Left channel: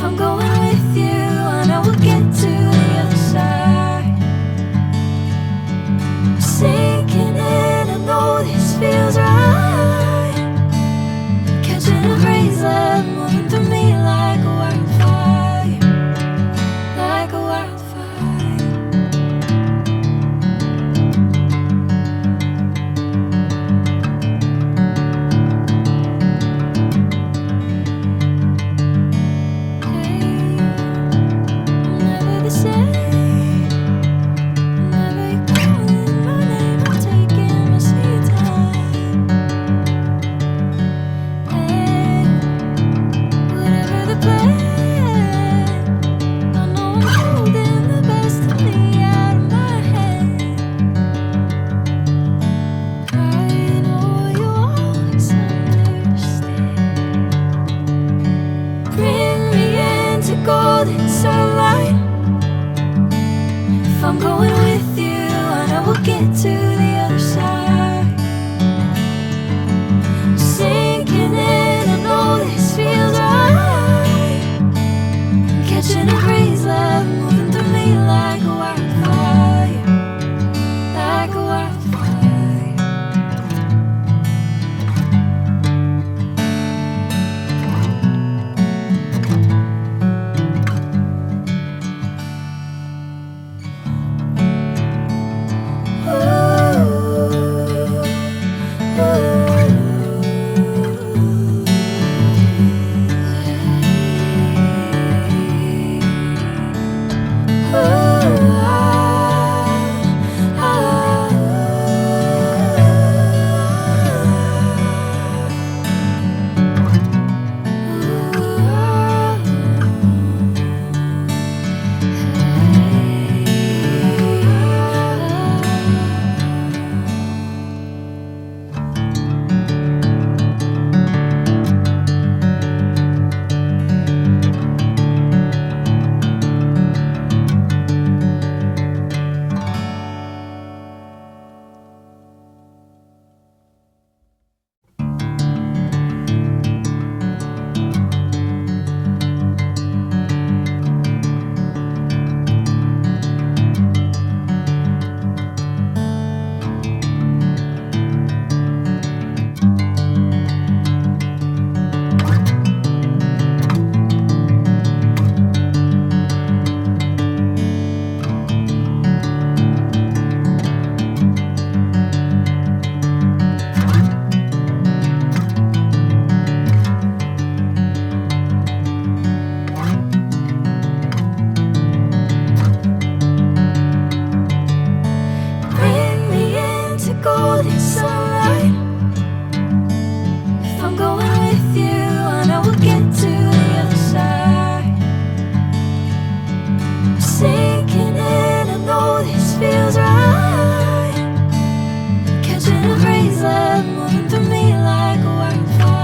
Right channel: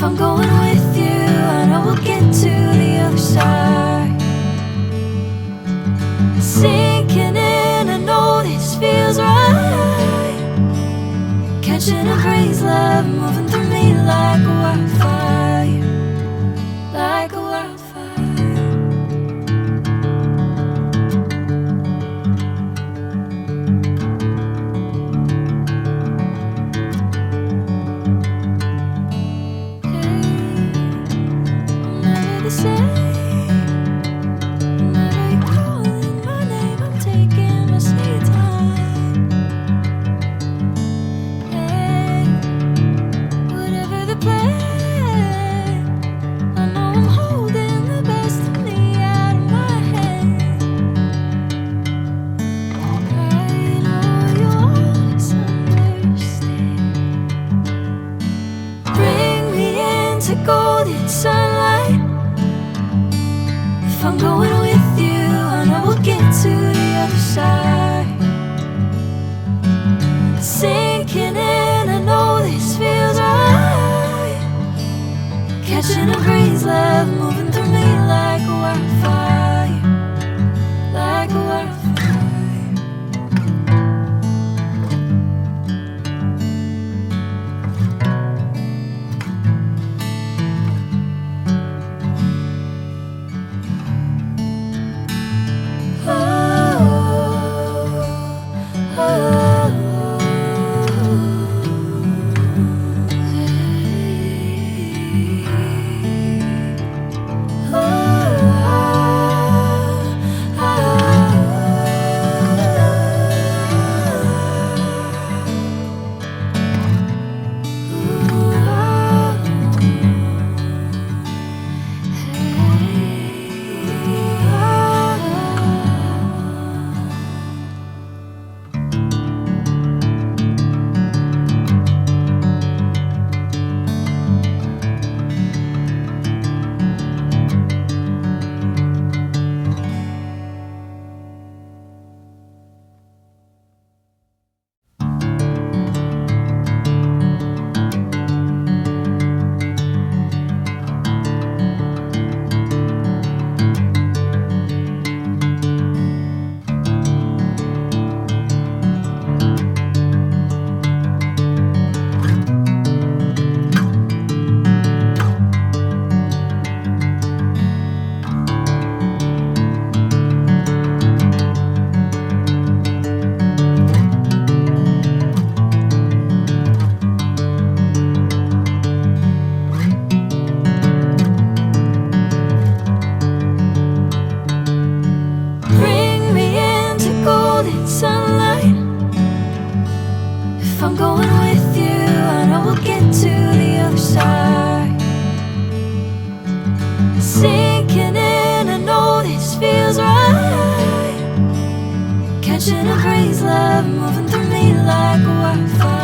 If I'm going with you, I know we'll get to the other side. Sinking in, I know this feels right. Catching a breeze, love moving through me like a wildfire, like a wildfire. Golden sunlight. If I'm going with you, I know we'll get to the other side. Sinking in, I know this feels right. Catching a breeze, love moving through me like a wildfire, like a wildfire. Sinking in, I know this feels right. Catching a breeze, love moving through me like a wildfire.